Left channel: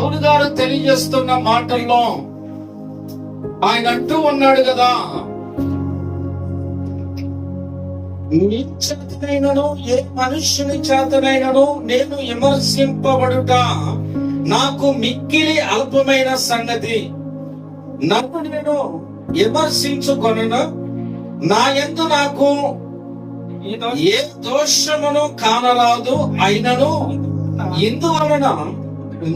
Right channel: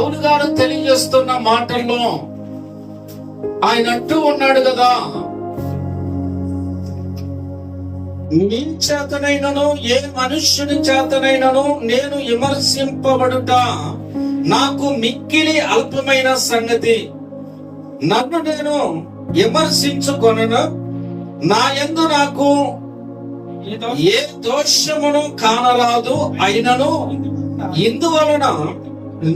పౌలు గారు తెలియజేస్తున్న మాటల్లో ఆయన అంటూ ఉన్నాడు కదా, మీ చేతనైనను ఏ మనుష్యుని చేతనైనను నేను విమర్శింపబడుట నాకు మిక్కిలి అల్పమైన సంగతి. నన్ను నేను విమర్శించుకొనను, నా యందు నాకు ఏ దోషమును కానరాదు. అయినను ఇందువలన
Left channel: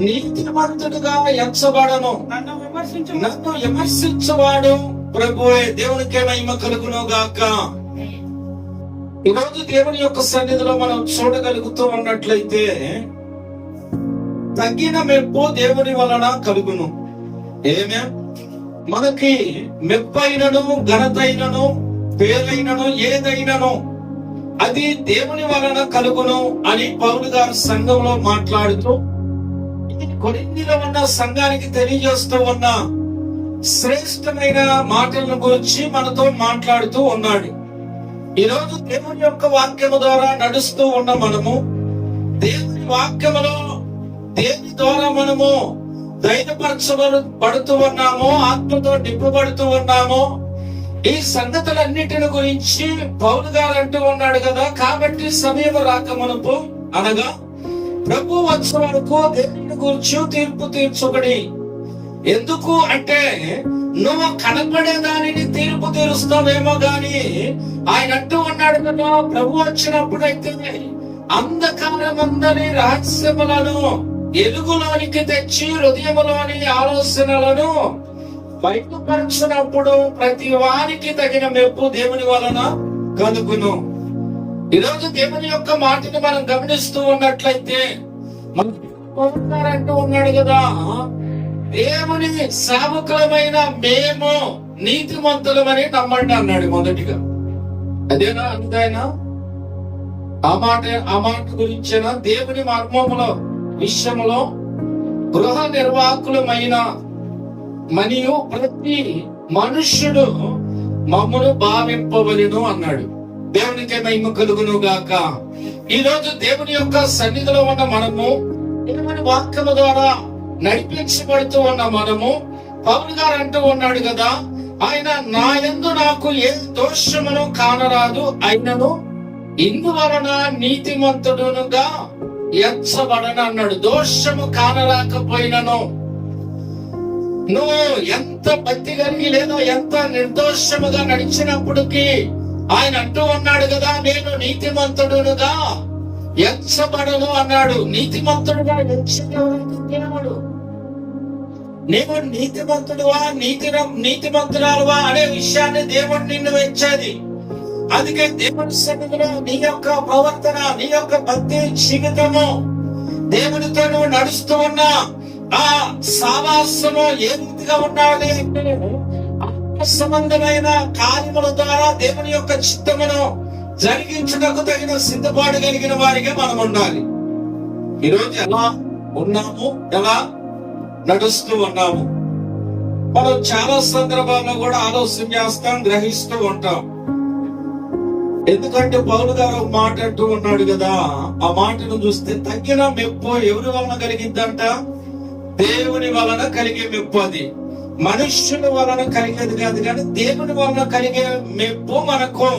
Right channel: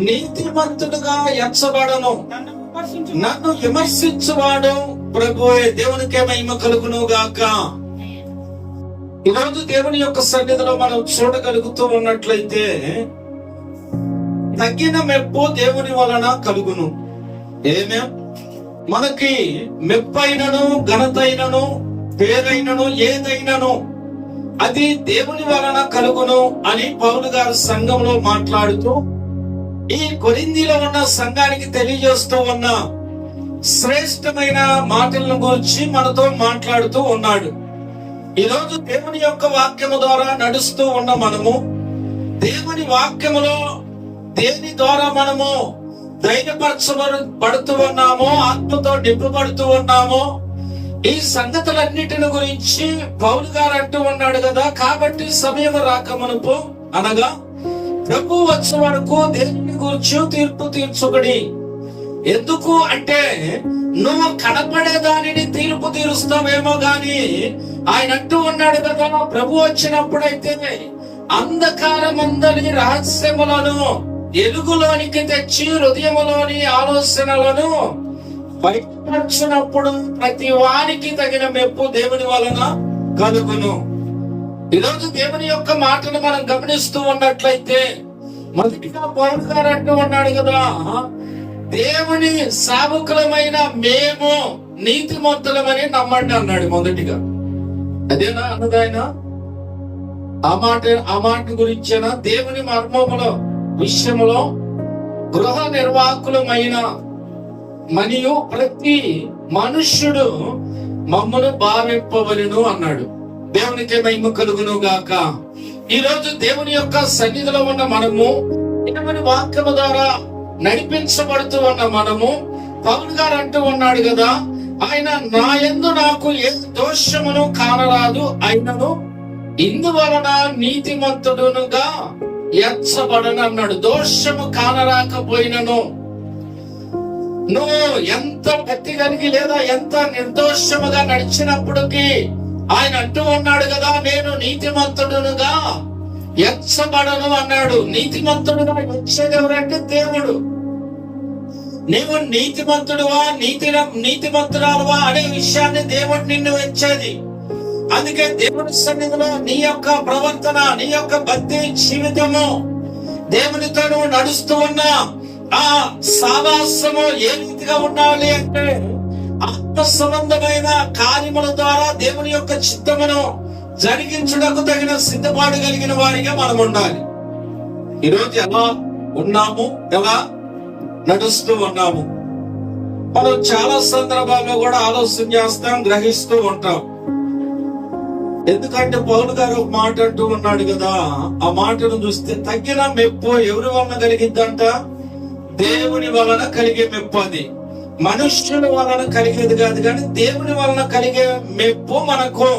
నీతిమంతుడుగా ఎంచబడను. నన్ను విమర్శించువాడు ప్రభువే. దేవునికే మహిమ కలుగును గాక. ఈరోజు దేవుని యొక్క సన్నిధిలో మనం చూడగలుగుతూ ఉన్నట్లయితే తగ్గిన మెప్పు దేవుని వలన కలుగును. ఏమే మనకి మెప్పైనను ఘనతైనను పేరైనను ఏదైనను అది దేవుని వలన కలుగును అని పౌలు గారు సంఘంలో మాట్లాడుతూ ఈ కొరింథీలో ఉన్న సంఘానికి తెలియజేస్తూ ఉన్న శ్రేష్టమైన మాటలను గురించి మనతో మాట్లాడుతూ ఉన్నాడు. ఈరోజు దేవుని యొక్క వాక్యము ద్వారా నడుస్తూ ఉన్న మనము దేవుని వాక్యములో దేని ద్వారా మనము ధైర్యపరచబడుతూ ఉన్నామో, ఆత్మతో నింపబడుతూ ఉన్నామో, ఈ సంగతులన్నిటిని గురించి పౌలు గారు అంటూ ఉన్నాడు కదా. కాబట్టి సమయం రాకమునుపు అనగా ప్రభు వచ్చే వరకు దేనిని గురించి తీర్పు తీర్చుకడి. ఎందుకు అంటే నువ్వు కనపడే దానిని తీర్పు తీరుస్తావేమో గాని ఆయన అంటూ ఉన్నాడు కదా, ప్రభు వచ్చినప్పుడైతే అంధకారమందరి రహస్యములను ఎలుగులోనికి తెచ్చి హృదయములోని ఆలోచనలను బయటపరచినప్పుడు ప్రతి వానికి తగిన మెప్పు దేవుని వలన కలుగును. ఈరోజు దేవుని యొక్క మాటను మనం గమనిస్తూ ఉన్నట్లయితే మొదటిగా పౌలు గారు అంటూ ఉన్నాడు కదా, దేవుని సేవకులమైన మేము నీతిమంతులమని నమ్మండి అన్నాడు మొదటిగా. అదేనా అన్నదాయన? ఆ మాట గురించేనా? దేవుని మర్మములో విషయములో గృహ నిర్వాహకులమైన మరియు ప్రతి మనుష్యుడు మమ్మను భావింపవలెను అన్నాడు. దేవునికి మహిమ కలుగును గాక. ఈ రోజు దేవుని యొక్క సన్నిధిలో ఉన్న మనము, దేవుని వాక్యము ద్వారా నడిపించబడుతూ ఉన్న మనము, పౌలు గారు అంటూ ఉన్నాడు కదా, ఆయన నా యందు నాకు ఏ దోషమును కానరాదు. అయినను ఇందువలన నీతిమంతుడునుగా ఎంచబడను అన్నాడు. దోషము కానరాకపోయినను నువ్వు ఎంత భక్తి కలిగి లేదా ఎంత నిర్దోషముగా నడిచినప్పటికీ ఆయన అంటూ ఉన్నాడు కదా, నేను నీతిమంతుడునుగా ఎంచబడను అన్నాడు. నీతిమంతుడుగా ఎంచేది ఎవరంటే దేవుడు. నీవు నీతిమంతుడువా నీతిమంతురాలువా అనే విషయాన్ని దేవుడు నిన్ను ఎంచేది. అందుకే దేవుని సన్నిధిలో నీ యొక్క ప్రవర్తన, నీ యొక్క భక్తి జీవితము, దేవునితో నువ్వు నడుస్తూ ఉన్నా ఆ సావాసము ఏ రీతిగా ఉండాలి అంటే ఆత్మ సంబంధమైన కార్యముల ద్వారా దేవుని యొక్క చిత్తమును జరిగించుటకు తగిన సిద్ధపాటు కలిగిన వారిగా మనం ఉండాలి. ఈరోజు ఎలా ఉన్నాము, ఎలా నడుస్తూ ఉన్నాము, మనం చాలా సందర్భాల్లో కూడా ఆలోచన చేస్తాం, గ్రహిస్తూ ఉంటాం. ఎందుకంటే పౌలు గారు ఒక మాట అంటూ ఉన్నాడు కదా, ఆ మాటను చూస్తే తగ్గిన మెప్పు ఎవరి వలన కలిగిద్దంట? దేవుని వలన కలిగే మెప్పు. అది మనుష్యుల వలన కలిగేది కాదు, కానీ దేవుని వలన కలిగే మెప్పు మనకు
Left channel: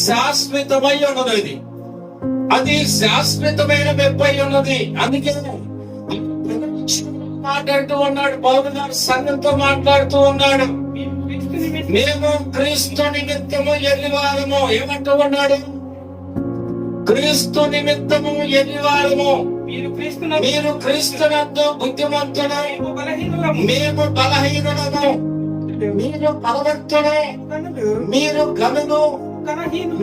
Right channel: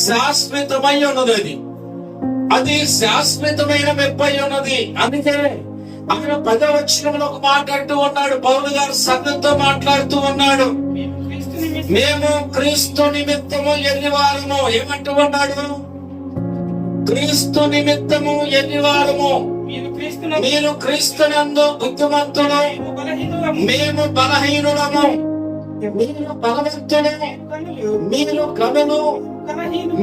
శాశ్వతమై ఉన్నది. అది శాశ్వతమైన మెప్పు అయి ఉన్నది. అందుకే ఆయన 10వ వచనంలో ఒక మాట అంటూ ఉన్నాడు. పౌలు గారు సంఘంతో మాట్లాడుతూ ఉన్నాడు, మేము క్రీస్తు నిమిత్తము ఎల్లివారము. ఏమంటూ ఉన్నాడు? క్రీస్తు నిమిత్తము ఎల్లివారము. మీరు క్రీస్తునందు బుద్ధిమంతులు, మేము బలహీనులము. మీరు బలవంతులు, మీరు ఘనులు,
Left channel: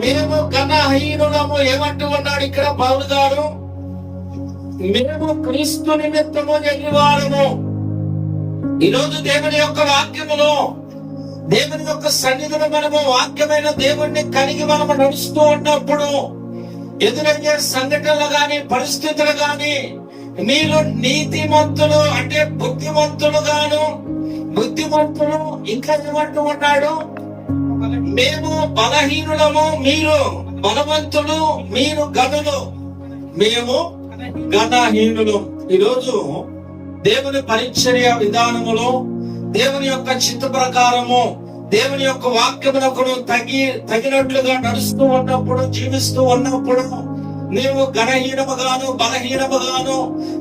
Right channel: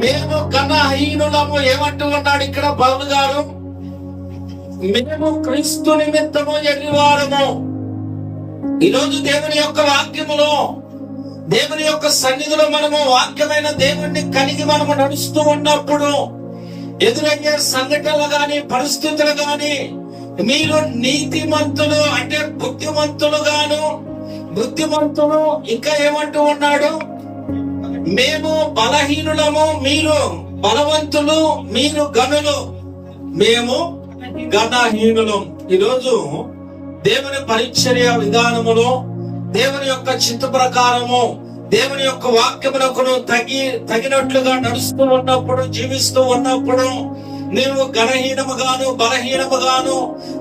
మేము ఘనహీనులము. ఏమంటూ ఉన్నాడు ఇక్కడ పౌలు గారు? మేము క్రీస్తు నిమిత్తము ఎల్లివారము. ఈరోజు దేవుని యొక్క వాక్యములో, దేవుని యొక్క సన్నిధిలో మనము వాక్యమైన దేవుణ్ణి కలిగి మనము నడుస్తూ ఉన్నప్పుడు ఎదురయ్యే సంఘటనలు గాని, పరిస్థితులు గాని, మీరు నీతిమంతులు అంటే బుద్ధిమంతులు ఇంకా ఏమంటూ ఉన్నాడు? మేము బలహీనులము, మీరు బలవంతులు, మీరు ఘనులు, మేము ఘనహీనులు. ఈరోజు దేవుని పరిచర్య విధానములో, దేవుని యొక్క చిత్త ప్రకారము, దేవుని యొక్క వాక్యమునకు తగినట్లుగా నడుస్తూ ఉన్నప్పుడు, జీవిస్తూ ఉన్నప్పుడు నీవు ఘనహీనముగాను, బలహీనముగాను,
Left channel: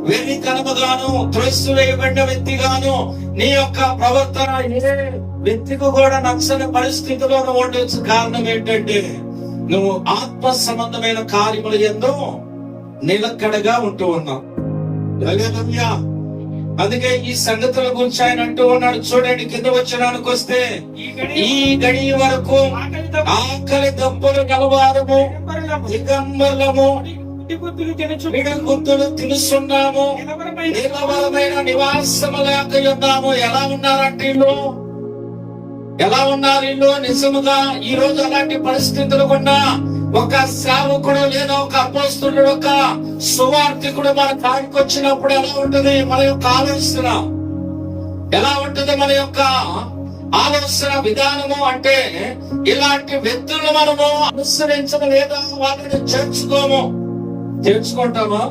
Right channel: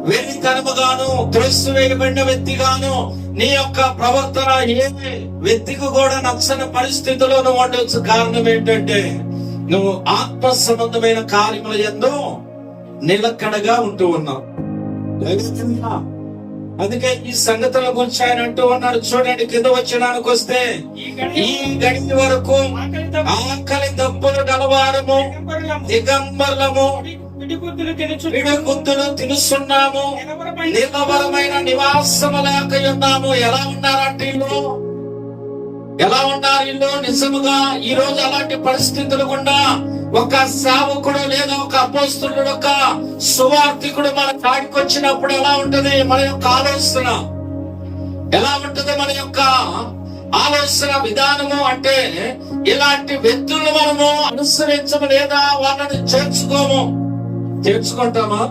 వెర్రితనముగాను, త్రోసివేయబడిన వ్యక్తిగాను, నీ యొక్క ప్రవర్తన ఏ వ్యక్తికి కూడా నచ్చని పరిస్థితిలో నువ్వు ఉండొచ్చు. కారణం ఏంటంటే నువ్వు ఆత్మ సంబంధమైన కార్యముల యందు నిలకడగా ఉంటూ ఉన్నావు. హల్లెలూయా. అందుకే ఈ సంగతుల గురించి ఆయన అంటూ ఉన్నాడు. చూడండి, కింద వచనానికి వస్తే, ఈ గడి వరకు ఆకలి దప్పులు గలవారము, దిగంబరులము, పిడిగుద్దులు తినుస్తున్నాము, నిలవరమైన నివాసము లేక ఉన్నాము. ఎలా ఉన్నారంటే ఇల్లు, ఎలా ఉన్నారు ఇల్లు? నిజముగా ఈ రోజు అలాంటి పరిస్థితులు గుండా ఒక సేవకుడు లేదా ఒక అపోస్తలుడు, ఒక సువార్థికుడు మన కాడికి వచ్చినప్పుడు ఎలా ఉంటది మన యొక్క ఆలోచన? ఎలా ఉంటది మన యొక్క ఆలోచన విధానము? అంటే ఇలాంటి వ్యక్తులు మనము అనుసరించము, లేదా వాళ్ళని చేర్చుకుంటామా?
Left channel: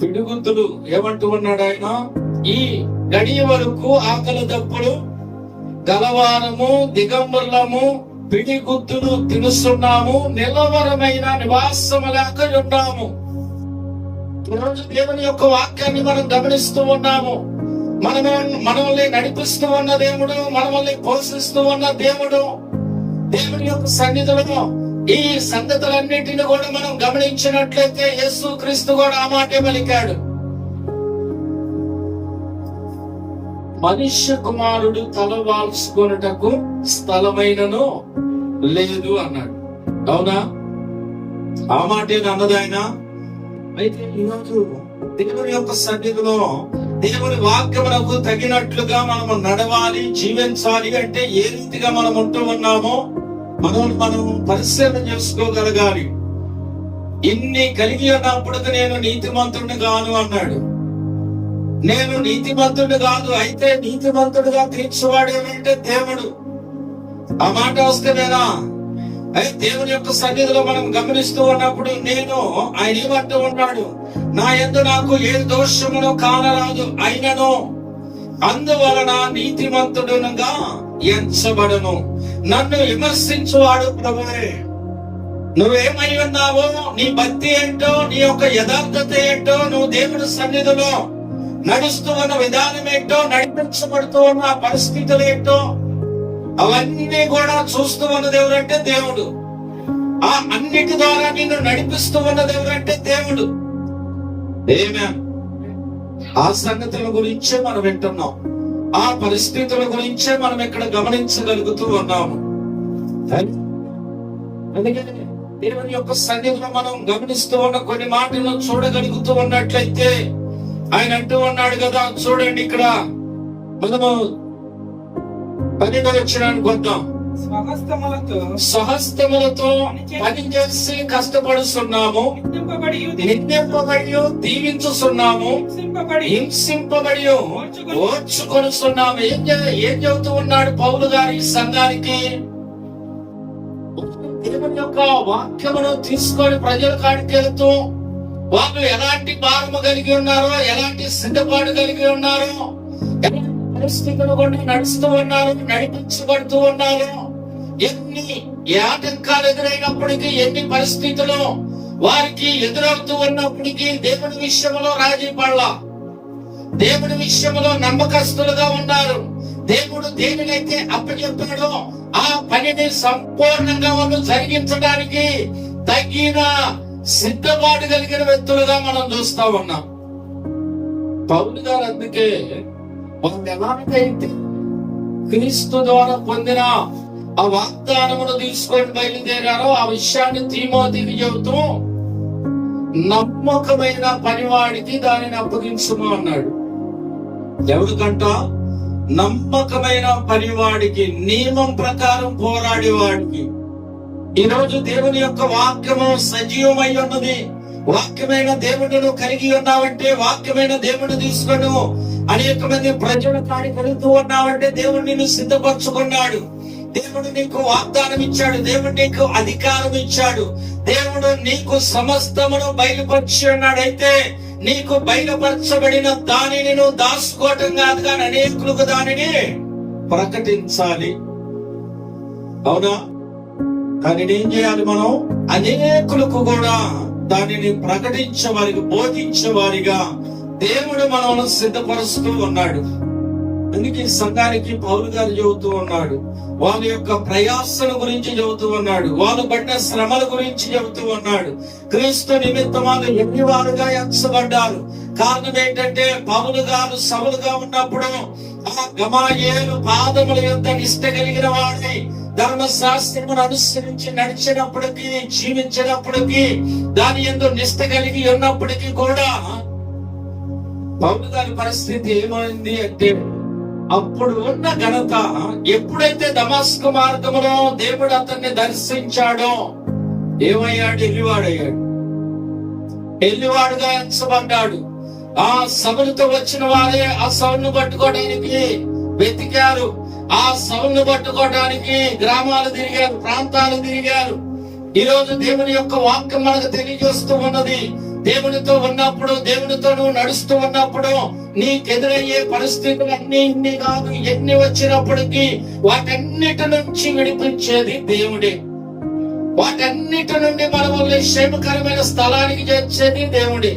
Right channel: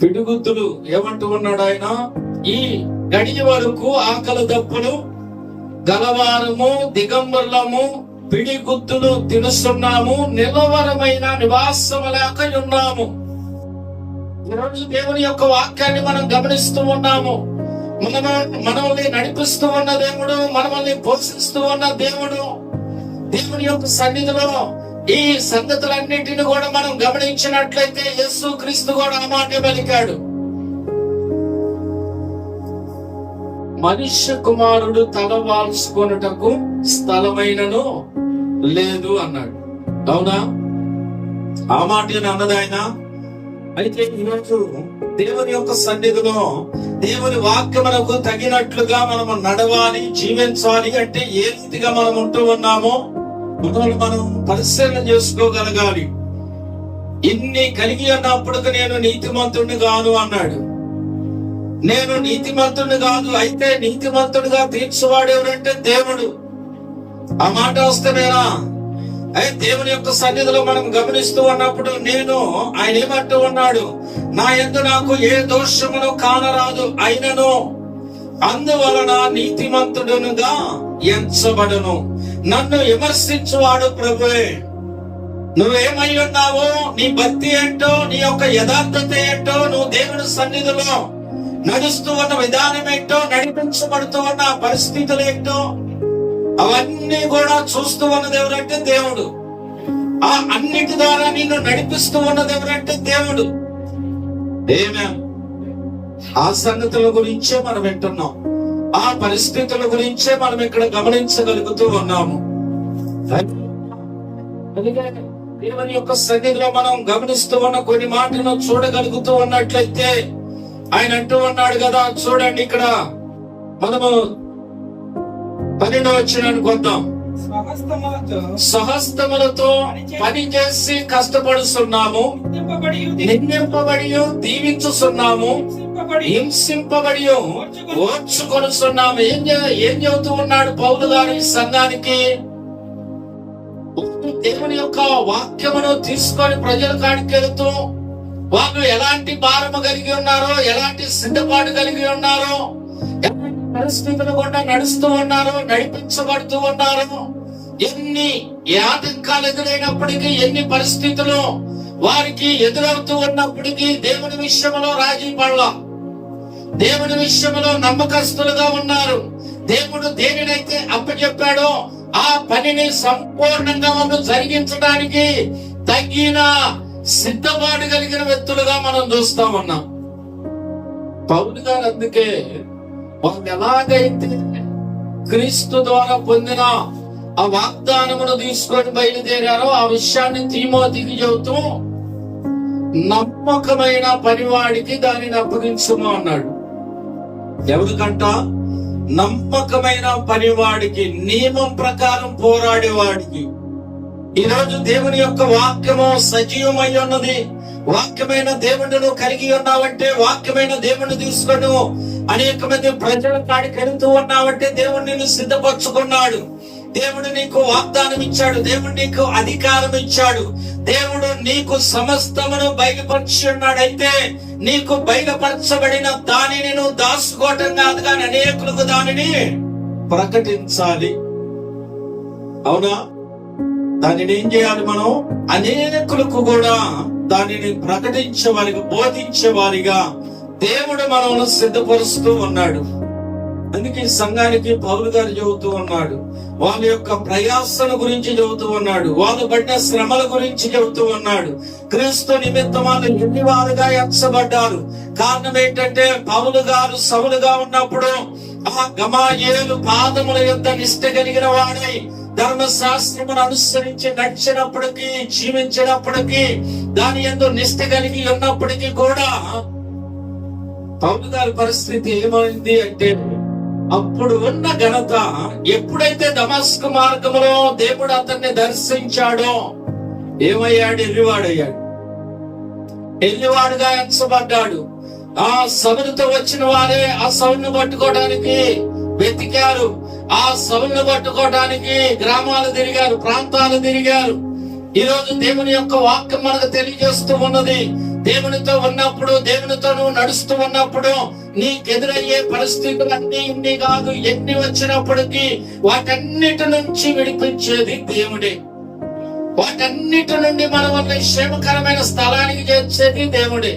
పిడుగుద్దులు ఏమంటూ ఉన్నాడు ఆయన? ఈ గడియ వరకు ఆకలి దప్పులు గలవారము, దిగంబరులము, పిడిగుద్దులు తినుస్తున్నాము, నిలవరమైన నివాసము లేక ఉన్నాము. ఈరోజు దేవుని యొక్క వాక్యాన్ని మనం గమనిస్తూ ఉన్నాము. మనల్ని నడిపిస్తూ ఉన్న దేవుడు, మనల్ని పోషిస్తూ ఉన్న దేవుడు, దేవుని యొక్క సన్నిధిలో ఈ సంగతులన్నిటిని కూడా మనం గమనించినట్లయితే యేసు క్రీస్తు కూడా ఆ మాటే పలికాడు. మనుష్య కుమారుడు తల వాల్చుకొనుటకు స్థలమైనను లేదు అన్నాడు. అవునా? ఆ మాట అన్నది ఆయన. అయితే ఈరోజు దేవుని యొక్క సన్నిధిలో దేవుని వాక్యమునకు తగినట్లుగా మనము నడవాలి, జీవించాలి అంటే ఏ రీతిగా మనం ఉంటూ ఉన్నామో మనం పరిశీలన చేసుకోగలగాలి. ఇన్ని కలిగి ఉన్నప్పుడు నేను నీతిమంతుడిని కాను అన్నాడు. నేను నీతిమంతుడిని కాదు, అయితే నీతిమంతుడిగా తీర్చువాడు ఎవరంటే దేవుడు. ఆ మాట వస్తేనేనా? అయితే దేవుని యొక్క సన్నిధిలో మనం గమనిస్తూ ఉన్నప్పుడు ఆయన ఏమంటూ ఉన్నాడు? నా యందు నాకు ఏ దోషమును కానరాదు, అయినను అందువలన నీతిమంతుడునుగా ఎంచబడను. నన్ను విమర్శించువాడు ప్రభువే. నువ్వేమై ఉన్నావో, నీ భక్తి ఏంటో, నీ యొక్క యథార్థత ఏంటో, నువ్వు దేవుని సన్నిధిలో నడుస్తూ ఉన్న విధానం ఏంటో, నడిపించబడుతూ ఉన్న పరిస్థితులు ఏంటో, అవన్నీ కూడా చూస్తూ ఉన్నది ఎవరంటే దేవుడు. ఆ అన్నిటి ద్వారా నిన్ను నడిపిస్తూ ఉన్నది ఎవరంటే దేవుడు. ఆ సంగతుల గురించే మనం వింటున్నాం. ఆ పరిస్థితుల గురించే మనం ఇక్కడ గమనించగలుగుతూ ఉన్నాము. అందుకే దేవుని యొక్క సన్నిధిలో మనం గమనిస్తూ ఉన్న కొన్ని మాటలను చూడగలుగుతూ ఉన్నట్లయితే ఆయన అంటూ ఉన్నాడు కదా. చూడండి, ఇక్కడ మనము 12వ వచనానికి వద్దాం. స్వహస్తములతో పని చేసి కష్టపడుతున్నాము, నిందింపబడి దీవించుతున్నాము, హింసింపబడి ఓర్చుకొనుస్తున్నాము. ఏం చెబుతూ ఉన్నాడు పౌలు గారు ఈ సంఘానికి? దేవుని యొక్క వాక్యమును తీసుకొని ప్రజల కాడికి వెళుతూ వాళ్ళు ఎలాంటి భారము కలిగి ఉన్నారో, ఎలాంటి సిద్ధపాటు కలిగి ఉన్నారో, ఎలాంటి పరిస్థితులు కూడా నడుస్తూ ఉన్నారు, నడిపించబడుతూ ఉన్నారు. ఎన్ని ఆటంకాలు ఎదురైనప్పటికీ, ఎన్ని పరిస్థితులు వారికి ఎదురవుతూ ఉన్నప్పటికీ దేవుని విషయంలో రాజీ పడలా, దేవుని విషయంలో నమ్మకస్తులుగా ఉన్నారు. దేవుడు దేనినైతే అప్పచెప్పాడో ఆ పనిని సంపూర్ణంగా జరిగించడానికి తగిన సిద్ధపాటు కలిగిన వ్యక్తులుగా మనం చూస్తా ఉన్నాం. పౌలు గారు అందుకే వాళ్ళు ఎలాగైతే క్రీస్తు ద్వారా పొందిన ఆ వాగ్దానమును తీసుకొని బయలుదేరారో ఆ విషయాన్ని తిమోతికి చెబుతూ నమ్మకమైన పనివాడికి దానిని అప్పగించుము అన్నాడు. ఎవరికంట? నమ్మకమైన పనివాడికి, నియమం ప్రకారం పోరాడేవాడికి. ఈరోజు దేవుని యొక్క వాక్యము సజీవమై ఉన్నది. వాక్యమైన దేవుడును కలిగి ఉన్నావంటే, వాక్యమైన దేవుడిని తీసుకొని అనేక మంది ప్రజల కాడికి వెళుతూ ఉన్నావంటే దేవుడు నిన్ను సిద్ధపరచుకున్నాడు. దేవుడు నీకు వాగ్దానం ఇచ్చాడు, దేవుడు నీకు అధికారం ఇచ్చాడు, దేవుడు నీకు సమస్తమును బయలుపరిచి ఉన్నాడు. అయితే నీకు బయలుపరచబడిన దానిని నువ్వు దాచుకోవటం కాదు, కానీ అనేకులకు దానిని ప్రకటించాలి. అవునా? దానిని ఏం చేయాలి? మనం అనేకులకు కూడా దానిని ప్రకటించే వారికి, బోధించే వారిగా దేవుడు మనల్ని సిద్ధపరుస్తూ ఉన్నాడు. అందుకే సంఘానికి పౌలు గారు చెబుతూ ఉన్నాడు, వాళ్ళ యొక్క ప్రయాసల గురించి చెబుతూ ఉన్నాడు, వాళ్ళు పడిన శ్రమల గురించి చెబుతూ ఉన్నాడు. క్రీస్తు నిమిత్తం వాళ్ళు ఎన్ని వారుగా ఎంచబడ్డారు. కారణం ఏంటంటే పౌలు గారు సవులుగా ఉన్నప్పుడు ఆ గమాయేలు పాదముల యొద్ద నిష్ట కలిగిన వాడై ధర్మశాస్త్రమును అనుసరించి నడిచినప్పటికీ, జీవించినప్పటికీ, దాని యందు నిష్ట కలిగి ఉన్నప్పటికీ కూడా పౌలు గారి పరిస్థితి ఏమైంది అంటే, అప్పుడు ఉన్న ఘనత ఎప్పుడైతే దమస్కు మార్గంలో దేవుడు అతన్ని దర్శించాడో ఏమయ్యాడు? ఎల్లివాడయ్యాడు. ఎల్లివాడుగా ఎంచబడ్డాడు. ఆ సౌలుతో వచ్చిన వారే ఆ సౌలును పట్టుకోవడానికి వెతికారు. ఆ సౌలును పట్టుకోవడానికి గ్రామాలు తిరిగారు, ప్రాంతాలు తిరిగారు. ఈ రోజు దేవుని యొక్క వాక్యం మనకు తెలియజేస్తూ ఉన్నది, దేవునితో ఉన్నప్పుడు, దేవునితో నువ్వు నడుస్తూ ఉన్నప్పుడు నీకెదురయ్యే పరిస్థితులు అన్ని ఇన్ని కాదు, ఎన్ని వచ్చినప్పటికీ వాటన్నిటి నుంచి విడిపించేది దేవుడే. వాటన్నిటి నుండి మన వల్ల క్షేమకరమైన స్థలానికి చేర్చేది దేవుడే.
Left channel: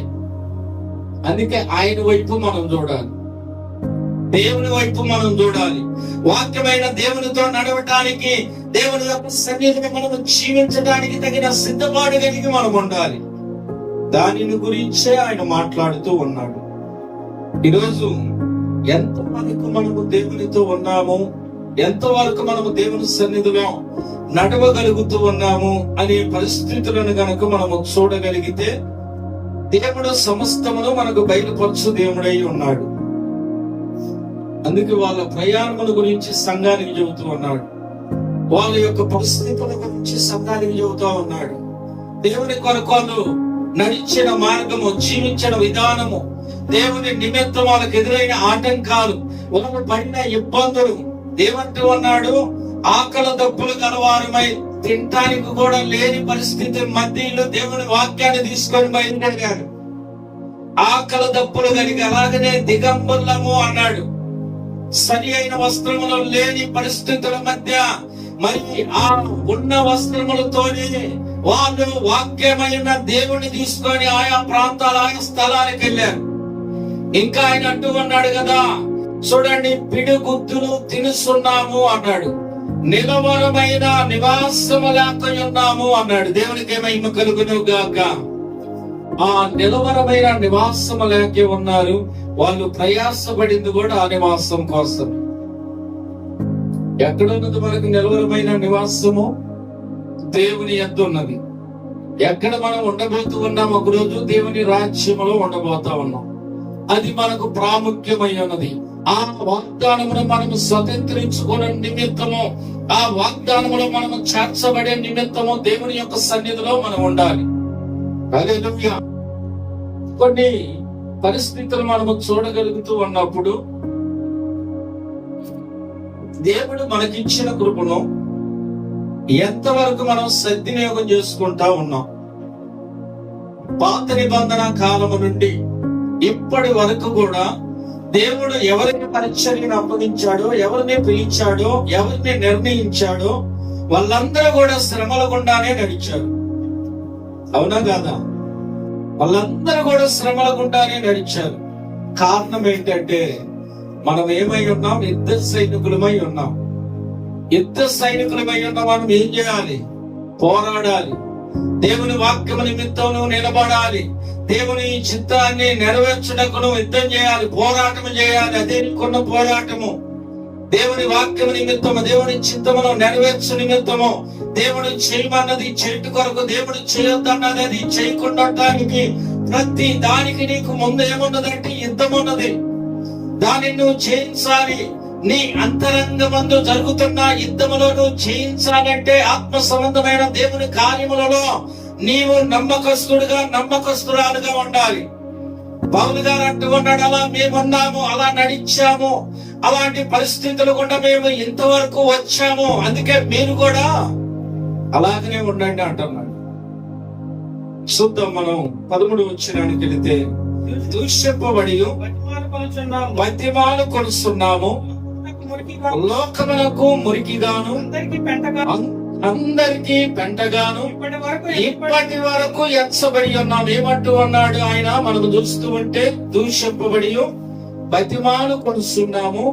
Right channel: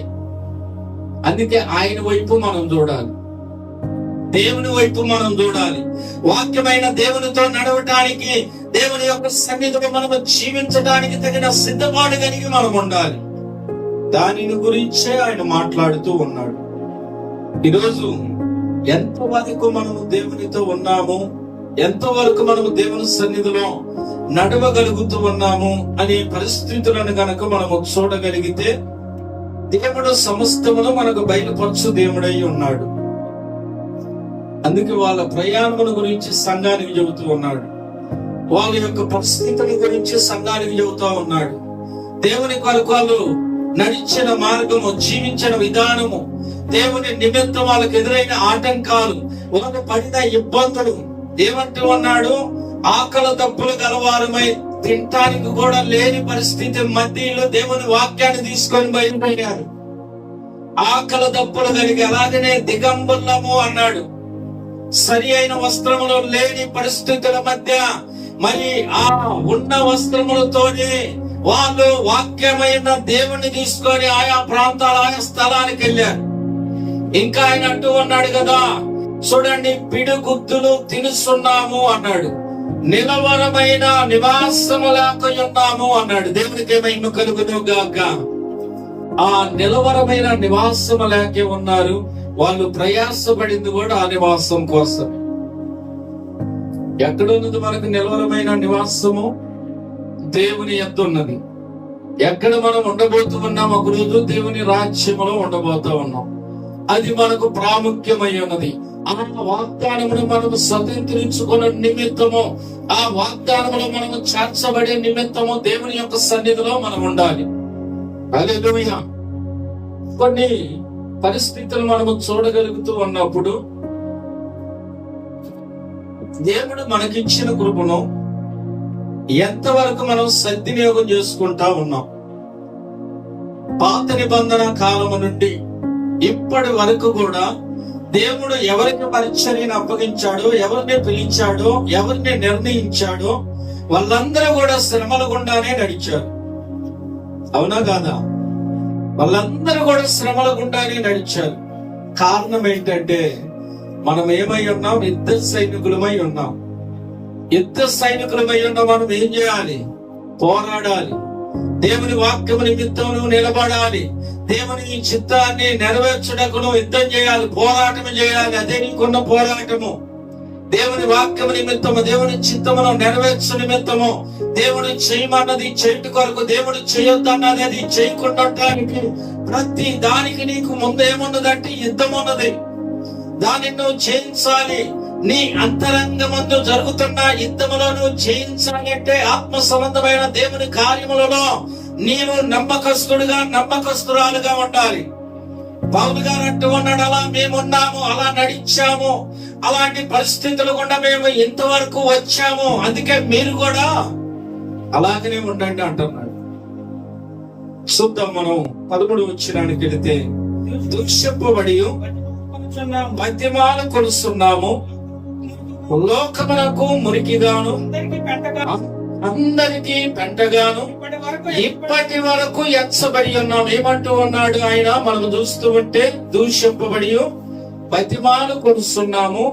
అందుకే ఆయన వైపు మనం చూడాలి, దేవుని వైపు మనం చూడాలి. వాక్యమైన దేవునితో నడవటానికి, దేవుని యొక్క సన్నిధిలో మనం జీవించడానికి తగిన సిద్ధపాటు కలిగి మనం ఉండాలి. దానిని గురించే ఆయన మాట్లాడుతూ ఉన్నాడు. ఈరోజు ఎంతవరకు మనము దేవునితో ఉన్నాము, ఎంతవరకు మనము దేవుని సన్నిధిలో నడవగలుగుతూ ఉన్నాము అనే పరిస్థితులను గనక మనము చూడగలిగితే, దేవుడు సమస్తమును మనకు బయలుపరచు దేవుడై ఉన్నాడు. అందుకే వాళ్ళ ప్రయాణముల గురించి సంఘానికి చెబుతూ ఉన్నాడు, వాళ్ళ యొక్క పరిస్థితుల గురించి సంఘానికి చెబుతూ ఉన్నాడు. దేవుని కొరకు వాళ్ళు నడిచిన మార్గము, జీవించిన విధానము, దేవుని నిమిత్తం వాళ్ళకి ఎదురైన ఆటంకాలు, వాళ్ళు పడిన ఇబ్బందులు. ఏమంటూ ఉన్నాడు? ఆకలి దప్పులు గలవారమై తినటానికి కూడా లేని పరిస్థితి మధ్యలో దేవుని వాక్యాన్ని తీసుకొని బయలుదేరాడు. ఆకలి దప్పులు కలిగి అలాగనే దిగంబరులము అన్నాడు. సరి అయిన వస్త్రములు లేని పరిస్థితుల మధ్య మరి ఆ ఉన్న వస్త్రములతోనే వాళ్ళు వాక్యమైన దేవుణ్ణి తీసుకొని ఆయా ప్రాంతాల, ఆయా స్థలానికి వెళ్ళారు. ఇంకా ఆయన అంటూ ఉన్నాడు కదా, చూడండి, పిడుగుద్దులు తినుస్తున్నాము అన్నాడు, నిలవరమైన నివాసము లేక ఉన్నాము అన్నాడు. దేవునికి ఏమైనా కలుగును గాక. ఆ నిలవరమైన నివాసము లేకే ఉన్నారు. వాళ్ళు ప్రయాసపడింది కూడా ఆ నివాసం కోసం. ఎక్కడున్నది మనకు నిలవరమైన నివాసము? దేవుని యొద్ద ఉన్నది. ఎక్కడ మనం ఉండబోతూ ఉన్నాం? ఒక రోజు దేవుని రాజ్యములో ఉండబోతా ఉన్నాం. అది మనకు ప్రాముఖ్యమై ఉన్నది. ఆ వాగ్దానమును మనము స్వతంత్రించుకునే నిమిత్తము, ఆ వాగ్దానములో మనము చేర్చబడే నిమిత్తము దేవుని యొక్క సన్నిధిలో మనం ఉండాలి. హల్లెలూయా. కొన్ని పరిస్థితులు మనము చూడగలుగుతూ ఉన్నప్పుడు దేవుడు మనకిచ్చిన కృపను ఎంతవరకు మనం సద్వినియోగం చేసుకుంటా ఉన్నాం? పాత నిబంధన కాలము నుండి ఇప్పటి వరకు కూడా దేవుడు ఎవరికి పరిచర్యను అప్పగించాడో, ఎవరిని పిలిచాడో, ఎవరిని నిర్ణయించాడో వాళ్ళందరూ కూడా శ్రమల గుండానే నడిచారు. అవునా కాదా? వాళ్ళందరూ కూడా శ్రమల గుండానే నడిచారు. కారణం ఏంటంటే మనం ఏమై ఉన్నాం? యుద్ధ సైనికులమై ఉన్నాం. యుద్ధ సైనికులమై ఉన్న మనం ఏం చేయాలి? పోరాడాలి. దేవుని వాక్యము నిమిత్తం నువ్వు నిలబడాలి. దేవుని చిత్తాన్ని నెరవేర్చుటకు నువ్వు యుద్ధం చేయాలి, పోరాటం చేయాలి. అదే నీకున్న పోరాటము. దేవుని వాక్యము నిమిత్తము, దేవుని చిత్తమును నెరవేర్చు నిమిత్తము, దేవుడు చేయమన్నది చేయట కొరకు, దేవుడు చేయొద్దన్నది అది చేయకుండటానికి ప్రతి దానికి నీకు ముందు ఏమున్నదంటే యుద్ధం ఉన్నది. దాన్ని నువ్వు జయించాలి. నీ అంతరంగమందు జరుగుతున్న యుద్ధములో నువ్వు జయించాలంటే ఆత్మ సంబంధమైన దేవుని కార్యములలో నీవు నమ్మకస్తుడుగా, నమ్మకస్తురాలుగా ఉండాలి. పౌలు గారు అంటూ ఉన్నాడు, అలా మేమున్నాము, అలా నడిచాము, అలాంటి పరిస్థితులు గుండా మేము ఇంతవరకు వచ్చాము, అందుకే మీరు కూడా అలాగనే ఉండండి అంటున్నాడు. చూద్దాం, మనం 13 వచనానికి వెళితే, దూషింపబడి బతిమాలు కొలుస్తున్నాము. లోకమునకు మురికిగాను అందరికీ పెంటగాను ఇప్పటి వరకు ఎంచబడి ఉన్నాం. ఏమంటూ ఉన్నాడు ఆయన? మనము చూస్తూ ఉంటే దూషింపబడి బతిమాలు కొలుస్తున్నాము,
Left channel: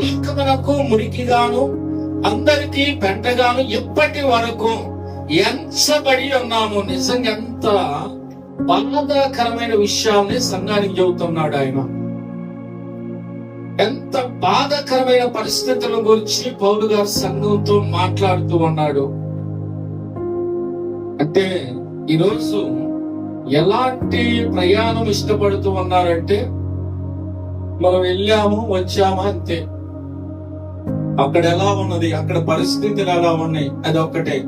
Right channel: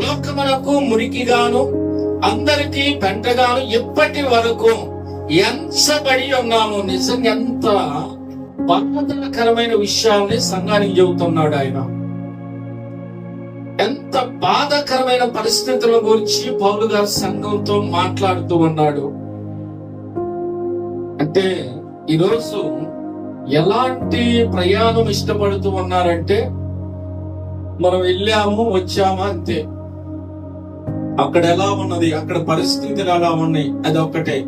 లోకమునకు మురికిగాను అందరికీ పెంటగాను ఇప్పటి వరకు ఎంచబడి ఉన్నాము. నిజంగా ఎంత బాధాకరమైన విషయాల్ని సంఘానికి చెబుతున్నాడు ఆయన. ఎంత బాధాకరమైన పరిస్థితుల గురించి పౌలు గారు సంఘంతో మాట్లాడుతూ ఉన్నాడు. అంటే ఈరోజు ఎలాంటి ప్రయాణం ఇష్టపడుతూ ఉన్నారంటే, మనం వెళ్ళాము వచ్చామా అంతే. అక్కడ ఎలా ఉన్నది, అక్కడ పరిస్థితులు ఎలా ఉన్నాయి, అది ఒక్కటే.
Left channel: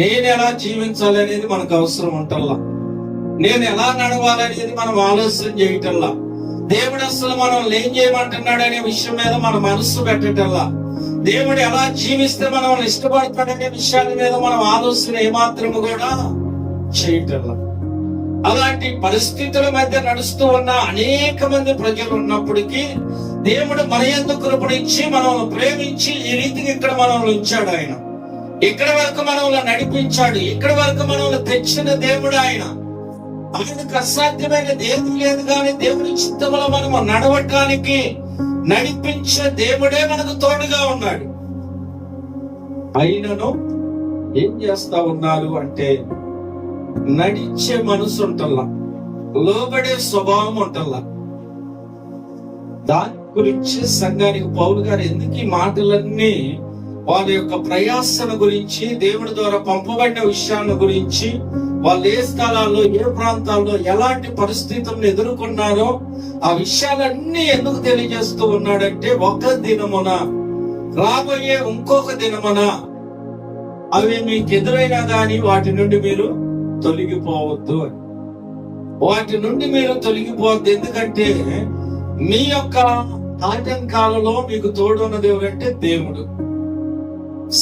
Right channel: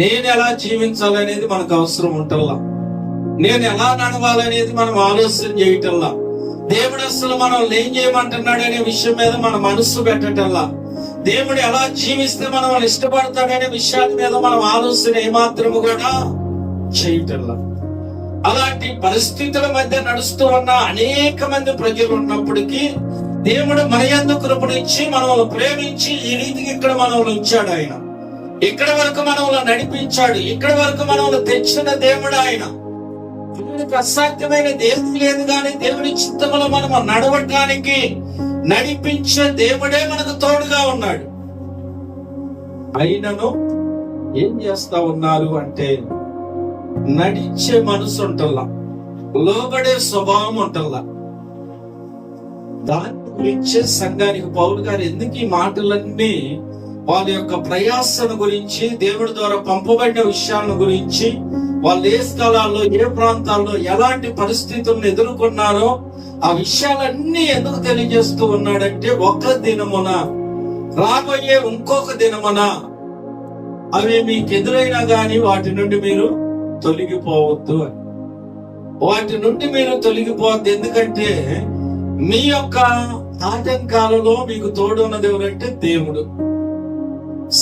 నేను ఎలా జీవించాలి అనేది మనకు అవసరం ఉంటల్లా. నేను ఎలా నడవాలనేది మనం ఆలోచన చేయటల్లా. దేవుడు అసలు మనం ఏం చేయమంటున్నాడు అనే విషయం మీద మన మనస్సు పెట్టటల్లా. దేవుడు ఎలా జీవిస్తే మనం ఇష్టపడతాడనే విషయాల మీద మనం ఆలోచన ఏమాత్రము కూడా చేయటల్లా. అలాంటి పరిస్థితుల మధ్య నడుస్తూ ఉన్న అనేక మంది ప్రజలు ఉన్నప్పటికీ దేవుడు మన యందు కృపనిచ్చి మనల్ని ప్రేమించి ఈ రీతికి ఇక్కడ మనల్ని ఉంచాడు. ఆయన ఇక్కడి వరకు మనల్ని నడిపించాడు. ఇక్కడి వరకు మనల్ని తెచ్చిన దేవుడు ఆయన. ఆయనకు అసాధ్యమైన దేని లేదు, కానీ దేవుని చిత్తములో మనం నడవటానికి నడిపించే దేవుడే మనకు తోడుగా ఉన్నాడు. అయినను ఏం చేస్తా ఉన్నారు అంటే, నడిచే మనసు ఉంటల్లా, లోబడే స్వభావం ఉంటల్లా. దాని గురించి సంఘానికి పౌలు గారు ఎందుకు ఈ మాటలన్నీ, వాళ్ళ యొక్క ప్రయాసను గురించి, దేవుడి ద్వారా పంపబడిన విషయాల గురించి, వాళ్ళు ఏ స్థలాల్లో ఏ ప్రాంతాల్లో ఎలాంటి పరిస్థితులను ఎదుర్కొన్నారో ఆ విషయాలన్నీ ఎందుకు తెలియజేస్తూ ఉన్నాడంటే, ఒక దినమున రాబోయే ఇంకొక దినమున అవి మీకు ఎదురైనా గాని వాటి నుండి మీరు తొలగిపోవద్దు అని. వాటి నుండి మీరు తొలగిపోవద్దు. ఎందుకంటే మీ యొక్క ఆటంకాలలో మీకు తోడున్నది ఎవరంటే దేవుడు.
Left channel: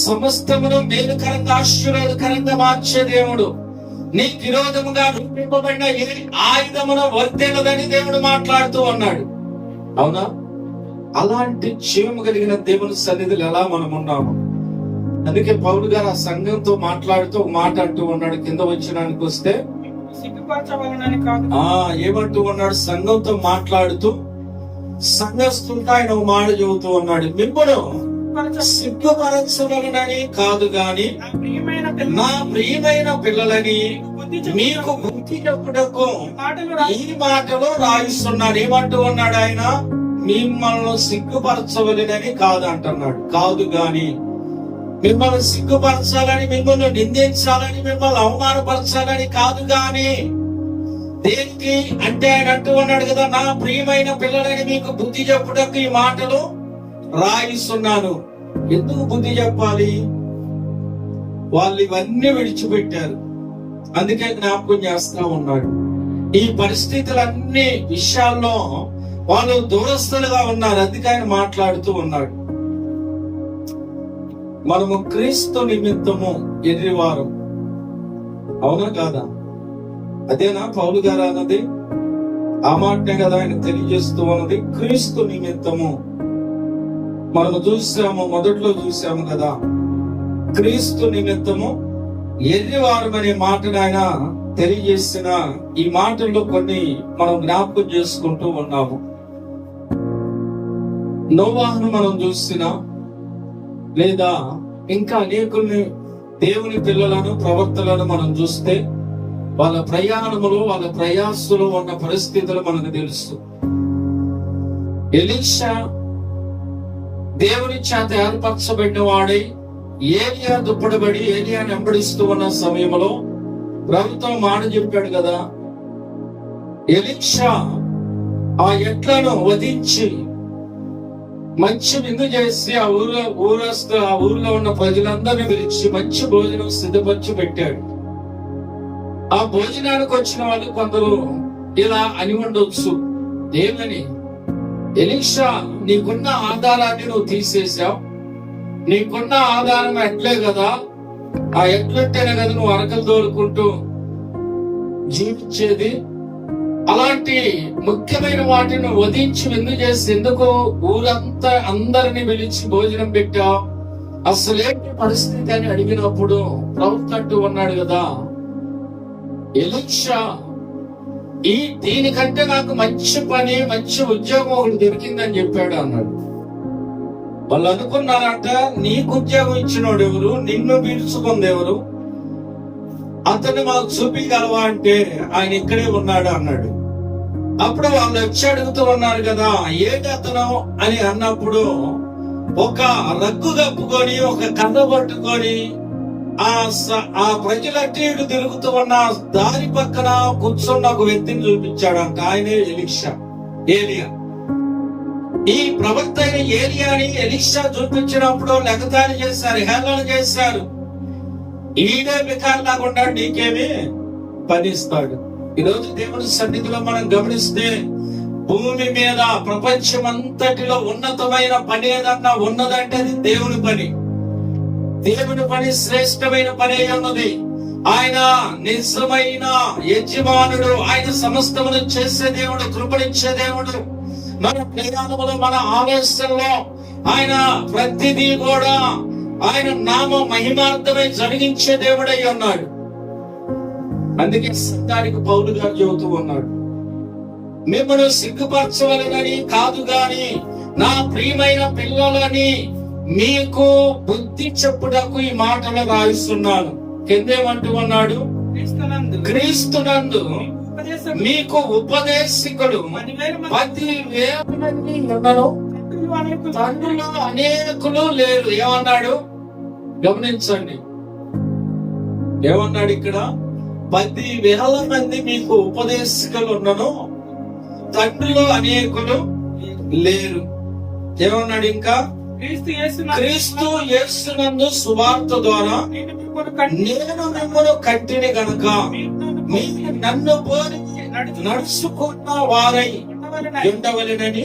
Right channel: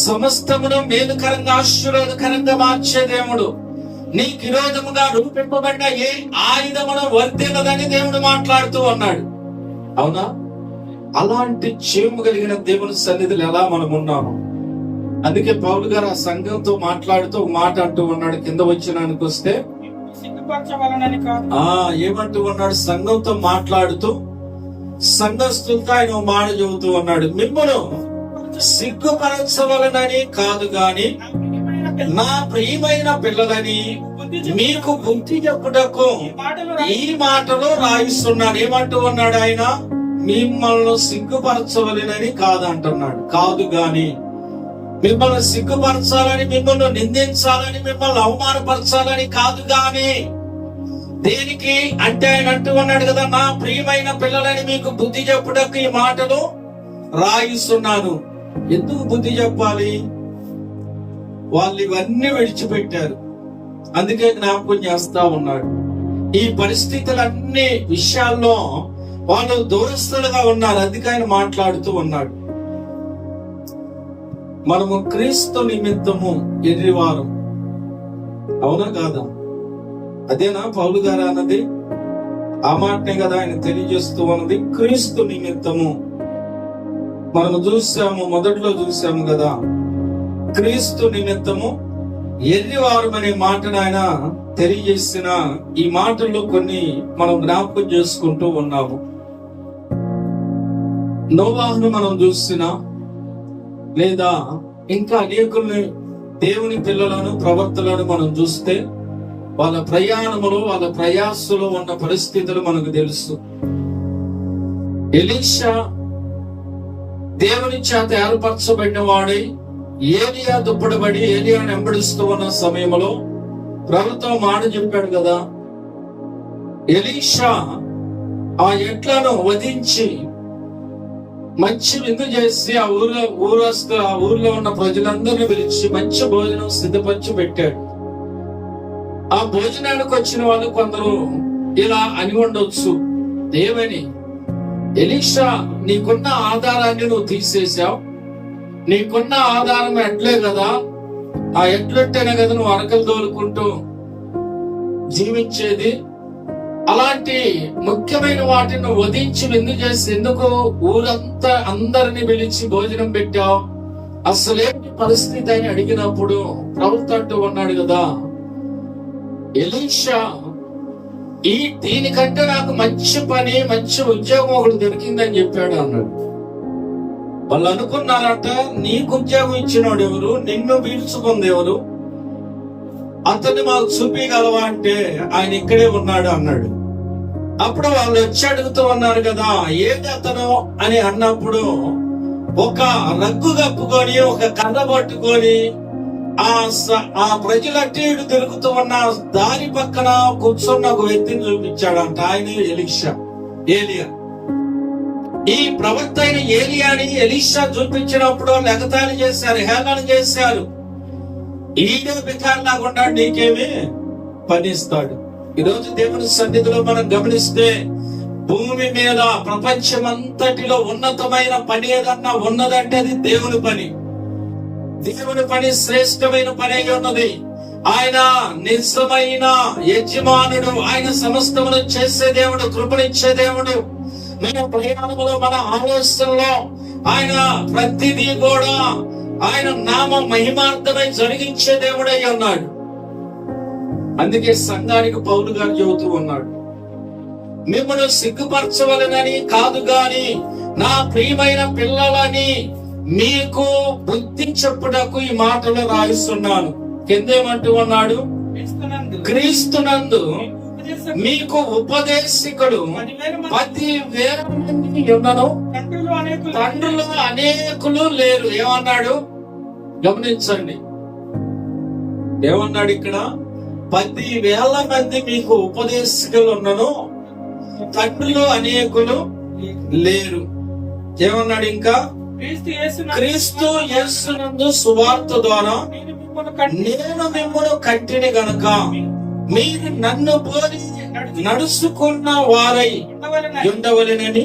సమస్తమును మేలుకరంగా ఆశీర్వాదకరంగా మార్చే దేవుడు. నీకు విరోధముగా రూపింపబడిన ఏ ఆయుధమును వర్తిల్లదని దేవుడు మాట్లాడుతూ ఉన్నాడు. అవునా? అలాంటి జీవము కలిగిన దేవుని సన్నిధిలో ఎలా మనం ఉన్నాము? అందుకే పౌలు గారు ఆ సంఘంతో మాట్లాడుతూ ఒక మాట అంటూ ఉన్నాడు. కింద వచ్చినానికి వస్తే ఏమంటూ ఉన్నాడు? సంఘంతో మాట్లాడుతూ సంఘస్థులతో ఆయన ఒక మాట చెబుతూ ఉన్నాడు. మిమ్మల్ని సిగ్గుపరచవలనని కాదు గాని నా ప్రియమైన పిల్లలని మీకు బుద్ధి చెప్పుటకు ఈ మాటలో రాయిస్తున్నాడు. ఏమంటూ ఉన్నాడు ఆయన? మిమ్మల్ని సిగ్గుపరచవలనని కాదంటున్నాడు. కాదు గాని మిమ్మల్ని సిగ్గుపరచాలని, మిమ్మల్ని నిందించాలని, మిమ్మల్ని అవమానపరచాలని కాదు గాని. దేనికి అంటే ఆయన అంటూ ఉన్నాడు కదా, నా ప్రియమైన పిల్లలని మీకు బుద్ధి చెప్పుటకు ఈ మాటలు రాయిస్తున్నాను. ఎందుకు బుద్ధి చెప్పాలి? వాళ్ళు ఇవన్నీ విడిచిపెట్టారు. అందుకే జ్ఞాపకం చేస్తా ఉన్నాడు. ఈ పరిస్థితులన్నీ విషయాల్లో వాళ్ళు దూరస్తులుగా ఉన్నారు. అందుకే ఆయన మాట్లాడుతూ ఉన్నాడు. మనము క్రీస్తు నిమిత్తము ఎర్రివారం. అవునా కాదా? అదేనా పౌలు గారు అన్నది? ఆ మాటనే కదా ఆయన తెలియజేస్తూ ఉన్నది. క్రీస్తు నిమిత్తము మనము చూసాము, మొదట్లో చూసాము కదా, క్రీస్తు నిమిత్తము ఎర్రివారం అనే మాటను ఆయన తెలియజేసిన ఈ మాటల్లో కొన్ని మనం జ్ఞాపకం చేసుకుంటూ ఉన్నాము. నోవాహును మనం చూసినా, లేదా ఇంకా అనేకుల్ని దేవుని పిల్లలను ప్రవర్తనలను మనం చూస్తే వాళ్ళ ప్రయాణములు, వాళ్ళ ప్రయాసలో ఉన్న పరిస్థితులు మనకు తెలుసు. ఎలీషా దేవుని చేత ఏర్పరచబడిన వాడై ఏలియా దుప్పడబడి ఏలియాని వెంబడిస్తూ ఉన్న సమయంలో ప్రభుత్వం మాట చెప్పాడు కదా, ఎలీషా ఆ ఎడ్లను వధించి మంచి విందు చేసి ఆ ఊర్లో ఉన్న ప్రజలందరినీ పిలిచి మంచి భోజనం సిద్ధపరిచి పెట్టాడు. ఆ భోజనానికి వచ్చిన వాళ్ళు కొందరు ఇలా అని ఉండొచ్చు, ఏమని, ఎలీషా నీకున్న ఆధారాన్ని నువ్వు తీసేసావు, నీకున్న ఆధారం ఎట్లే కదా, ఆ ఎట్లుంటేనే కదా నువ్వు అరకలు తోలుకుంటూ జీవించేది, అలాంటి ముఖ్యమైన వాటిని వధించి విందు చేసి ఎందుకు ఊరంతా అందరిని పిలిచి భోజనం పెట్టావు, అసలేంటి పరిస్థితి అని అడిగినప్పుడు ప్రవక్త అంటూ ఉన్నాడు కదా, ఎలీషా దీనికంటే నాకు మంచి పని మంచి ఉద్యోగం ఒకటి దొరికిందని చెప్పాడు అన్నాడు. వాళ్ళు అనుకున్నారట, నీకు ఉద్యోగం ఇచ్చినోడు ఎవరు, నిన్ను పీల్చుకుంది ఎవరు, అతన్ని మాకు చూపించగలవా అంటే ఆయన ఇక్కడే ఉన్నాడు అన్నాడు. అప్పుడు వాళ్ళు వచ్చి అడుగుతూ ఉన్నారు కదా, ఏది అతను అని అన్నప్పుడు ఒక రగ్గు కప్పుకొని ఒక కర్ర పట్టుకొని ఆ ప్రజలట్టి ఇటు తిరుగుతూ ఉన్న దారి పక్కన కూర్చున్న ఒక వ్యక్తిని చూపించాడంట. ఆయనే ఏలియా. ఈ ప్రవక్త అయిన ఏలియాని ఎలీషా చూపించినప్పుడు లెగతాళి చేశారు, హేళన చేశారు. ఈడే బికార్లాగా ఉన్నాడు, నీకేమి పనిస్తాడు. ఈరోజు దేవుని సన్నిధిలో మనం గమనిస్తే భూమి మీద ప్రపంచమంతటిలో ఉన్నతమైన పని ఏదన్నా ఉన్నదంటే అది దేవుని పని. దేవుని పని శ్రేష్టమైన పని అయి ఉన్నది. ఆయన నిజమైన యజమానుడు, ఆయన సమస్తమును చేసే దేవుడు, కృపనిచ్చే దేవుడు. మన ప్రయాణంలో మన ఆలోచనలో ఆయన ప్రతిదీ కూడా ఆయన నామ మహిమార్థమై జరిగించే దేవుడై ఉన్నాడు. అందుకే సంఘానికి పౌలు గారు చెబుతూ ఉన్నాడు, మిమ్మల్ని సిగ్గుపరచవలనని కాదు గాని నా ప్రియమైన పిల్లలని మీకు బుద్ధి చెప్పుటకు ఈ మాటలు రాయిస్తున్నాను. కిందేమంటూ ఉన్నాడు, క్రీస్తునందు మీకు ఉపదేశకుడు 10,000 మంది ఉన్నను, తండ్రులు అనేకులు లేరు. ఏమన్నాడు గమనించండి, ఏమన్నాడు ఇక్కడ, 10,000 మంది మీకు ఉపదేశకులు ఉన్నను, తండ్రులు అనేకులు లేరు. ఏమన్నాడు ఇంకా, క్రీస్తు యేసునందు సువార్త ద్వారా నేను మిమ్మల్ని కంటిని గనుక మీరు నన్ను పోలి నడుచుకున్న వారై ఉండవలెనని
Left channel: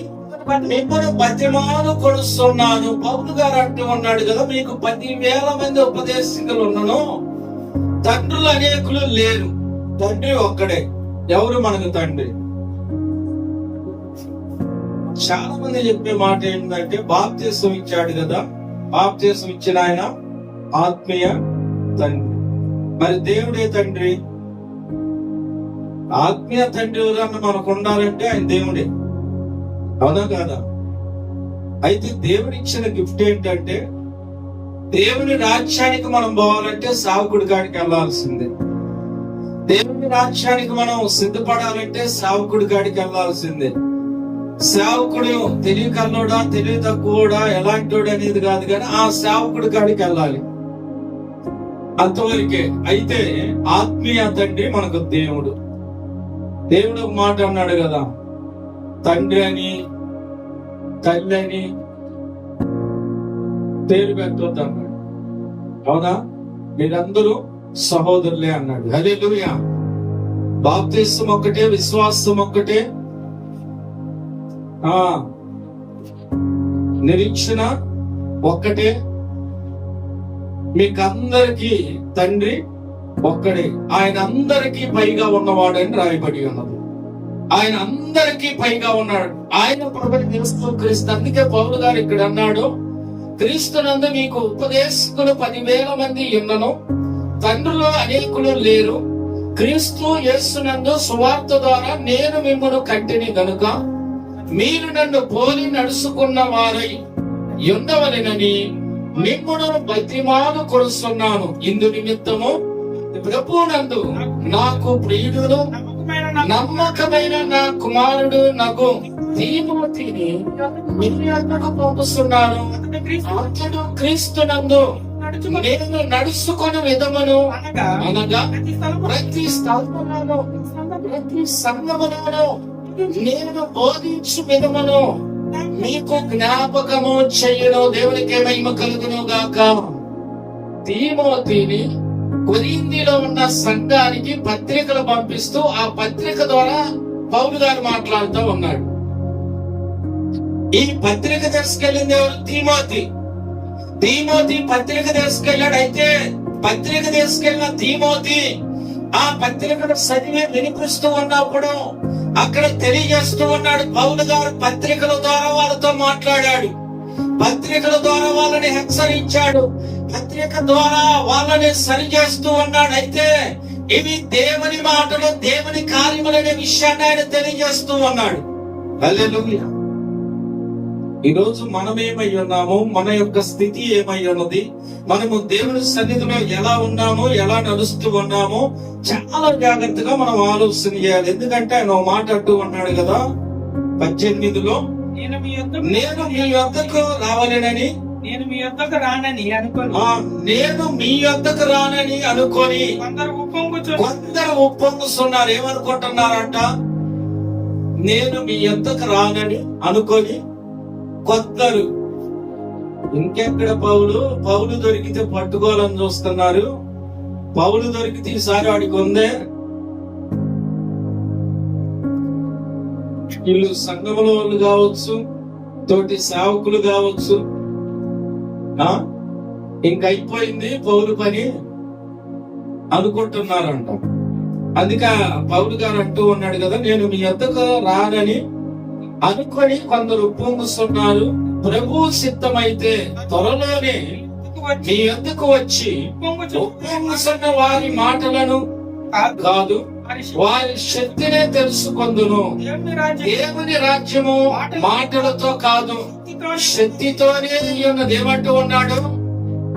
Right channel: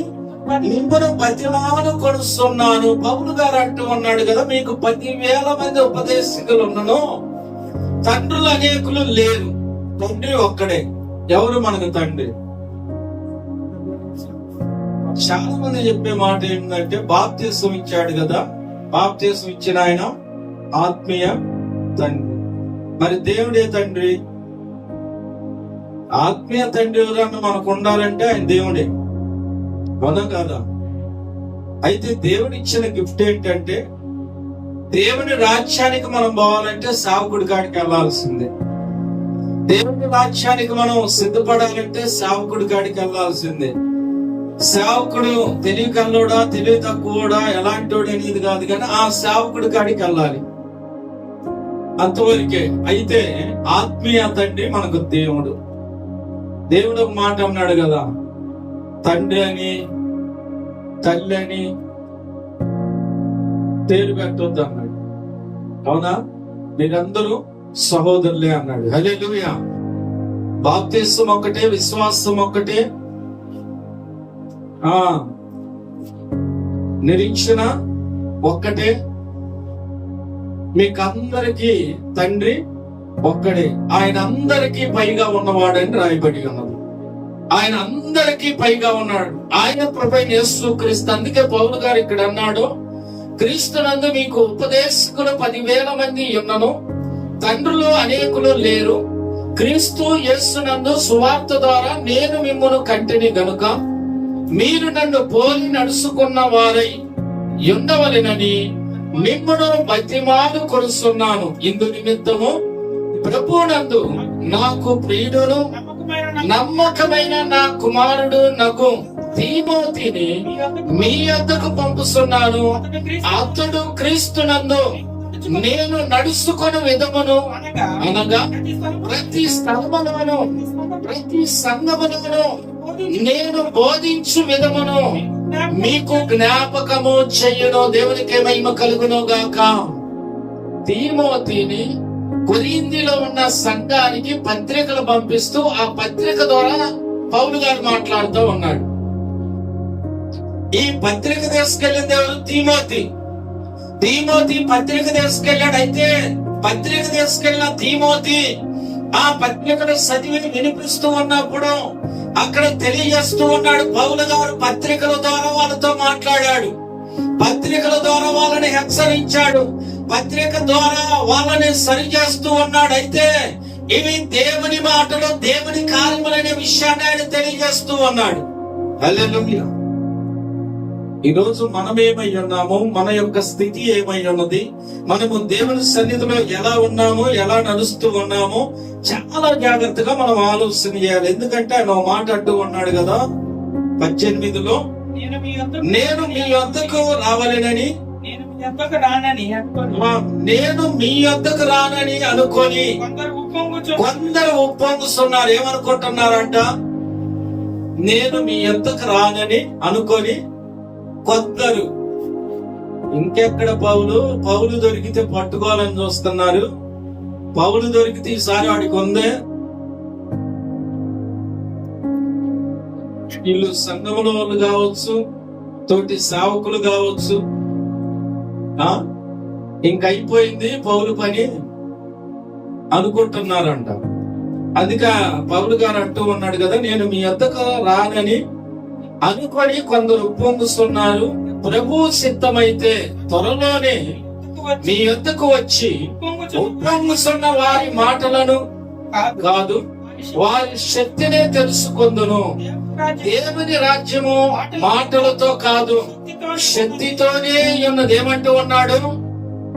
మిమ్మల్ని బతిమాలు కొలుస్తున్నాను. పౌలు గారు అంటూ ఉన్నాడు కదా, మీకు 10,000 మంది ఉపదేశకులు ఉన్నను, తండ్రులు అనేకులు లేరు, తండ్రి ఒక్కడే. ఎవరు మనకు తండ్రి? చాలా మంది చెప్పే మాట ఏంటంటే, బాప్తిసం ఇచ్చాడు కదా, బాప్తిసం ఇచ్చిన ఆయన ఆత్మీయ తండ్రి. మరి దేవుడే తండ్రి. ఆత్మీయ తండ్రి ఎవరన్నా మనకు ఉండాలంటే ఆయన దేవుడే, అవునా కాదా? అయితే దేవుడిచ్చిన గిఫ్ట్ ఏంటంటే, దేవుని రాజ్యానికి మనం పోవాలంటే సావుకుడి కాడికి వెళ్లాల్సిందే. దేవుని రాజ్యానికి మనం సిద్ధపడాలంటే సావుకుడి కాడికి వెళ్లాల్సిందే. సేవకుడు తెలివికల్లోడా తెలివి తక్కువడా ఎలాంటోడు అనేది కాదు, కానీ ఆ సేవకుడి కాడికి వెళ్ళాలి, అంతవరకే. అయితే ఆత్మీయ తండ్రి మనకు దేవుడు. దేవుడు ఒక మాట అన్నాడు కదా, తండ్రి అని తల్లి అని పేరు పెట్టొద్దు అన్నాడు. అవునా? మీరందరూ సహోదరులే అన్నాడు. హల్లెలూయా. బాప్తిసం ఒక్కటే, విశ్వాసం ఒక్కటే, నిరీక్షణ ఒక్కటే, మీకందరికీ తండ్రి ఒక్కడే, ఆయన అందరికీ పైగా ఉన్నవాడని రాయబడి ఉన్నది. ఆయన అందరికీ పైగా ఉన్నాడు, ఆయన ప్రభువైన యేసుక్రీస్తు. అందుకే పౌలు గారు ఇక్కడ అన్నాడు, క్రీస్తునందు మీకు ఉపదేశకులు 10,000 మంది ఉన్నను, తండ్రులు అనేకులు లేరు. క్రీస్తు యేసునందు సువార్త ద్వారా నేను మిమ్మల్ని కంటిని గనుక మీరు నన్ను పోలి నడుచుకున్న వారై ఉండవలెనని మిమ్మల్ని బతిమాలు కొలుస్తున్నాను. ఇందు నిమిత్తము ప్రభువునందు నాకు ప్రియుడును నమ్మకమైన నా కుమారుడు నాకు తీమోతిని మీ వద్దకు పంపుతున్నాను. అతడు క్రీస్తునందు నేను నడుచుకుని విధమును అనగా ప్రతి స్థలములోను ప్రతి సంఘములోను నేను బోధించు విధమును మీకు జ్ఞాపకము చెయ్యను. దేవునికి మహిమ కలుగును గాక. తీమోతిని కొరింథీలో ఉన్న సంఘానికి పత్రికలు పంపిస్తూ ఆ పత్రిక ద్వారా పౌలు గారు మాట్లాడుతూ ఉన్నాడు. ఈ పత్రిక తీసుకెళ్ళింది ఎవరు? తీమోతి పత్రిక తీసుకెళ్ళాడు. అయితే పత్రిక తీసుకెళ్ళిన తీమోతి ఆ పత్రికను చదివి వినిపిస్తూ ఉన్నప్పుడు అక్కడ తెలియజేస్తూ ఉన్నాడు. పౌలు గారు పత్రికల ద్వారా వాళ్ళతో మాట్లాడాడు, పత్రికల ద్వారా వాళ్ళని హెచ్చరించాడు, పత్రిక ద్వారా వాళ్ళని సరిచేస్తూ ఉన్నాడు. అయితే ఇవి దేవుని మాటలు, దేవుని కార్యములనే విషయాన్ని ఆయన తెలియజేస్తూ ఉన్నాడు. హల్లెలూయా. ఈరోజు మనం ఏమై ఉన్నాము, మన యొక్క స్థితి ఏమై ఉన్నది, మనము దేవుని సన్నిధిలో ఎలా ఉన్నామో, ఎలా నడుస్తూ ఉన్నామో చాలా జాగ్రత్తగా మనం ఆలోచన చేయాలి. ఎందుకంటే ఆయన మాట అంటూ ఉన్నాడు కదా 18లో, నేను మీ వద్దకు రావాలని, నేను మీ యొద్దకు రానని అనుకొని, నేను మీ యొద్దకు రానని అనుకొని కొందరు ఉప్పొంగుతున్నారు. ఏమనుకుంటున్నారంట? నేను మీ యొద్దకు రానని అనుకొని కొందరు. ఇంకెక్కడ పౌలు దొరికితే పట్టుకోవాలని చూస్తున్నారు. పౌలు దొరికితే ఈసారి వాడికి ఉందే. వీళ్ళు సంఘములో వాళ్ళు కావచ్చు, తోటి సేవకులు కావచ్చు, ఇంకైపోయింది పౌలు పని అనుకుంటున్నారంట. అందుకే పౌలు గారు అంటూ ఉన్నాడు కదా, నేను మీ యొద్దకు రానని అనుకొని కొందరు ఉప్పొంగుతున్నారు. ప్రభు సిద్ధమైతే త్వరలోనే మీ యొద్దకు వచ్చి ఉప్పొంగుతున్న వారి మాటలను కాదు, వారి శక్తినే తెలుసుకొందును. దేవుని రాజ్యము మాటలతో కాదు, శక్తితోనే ఉన్నది. ఏమంటూ ఉన్నాడు?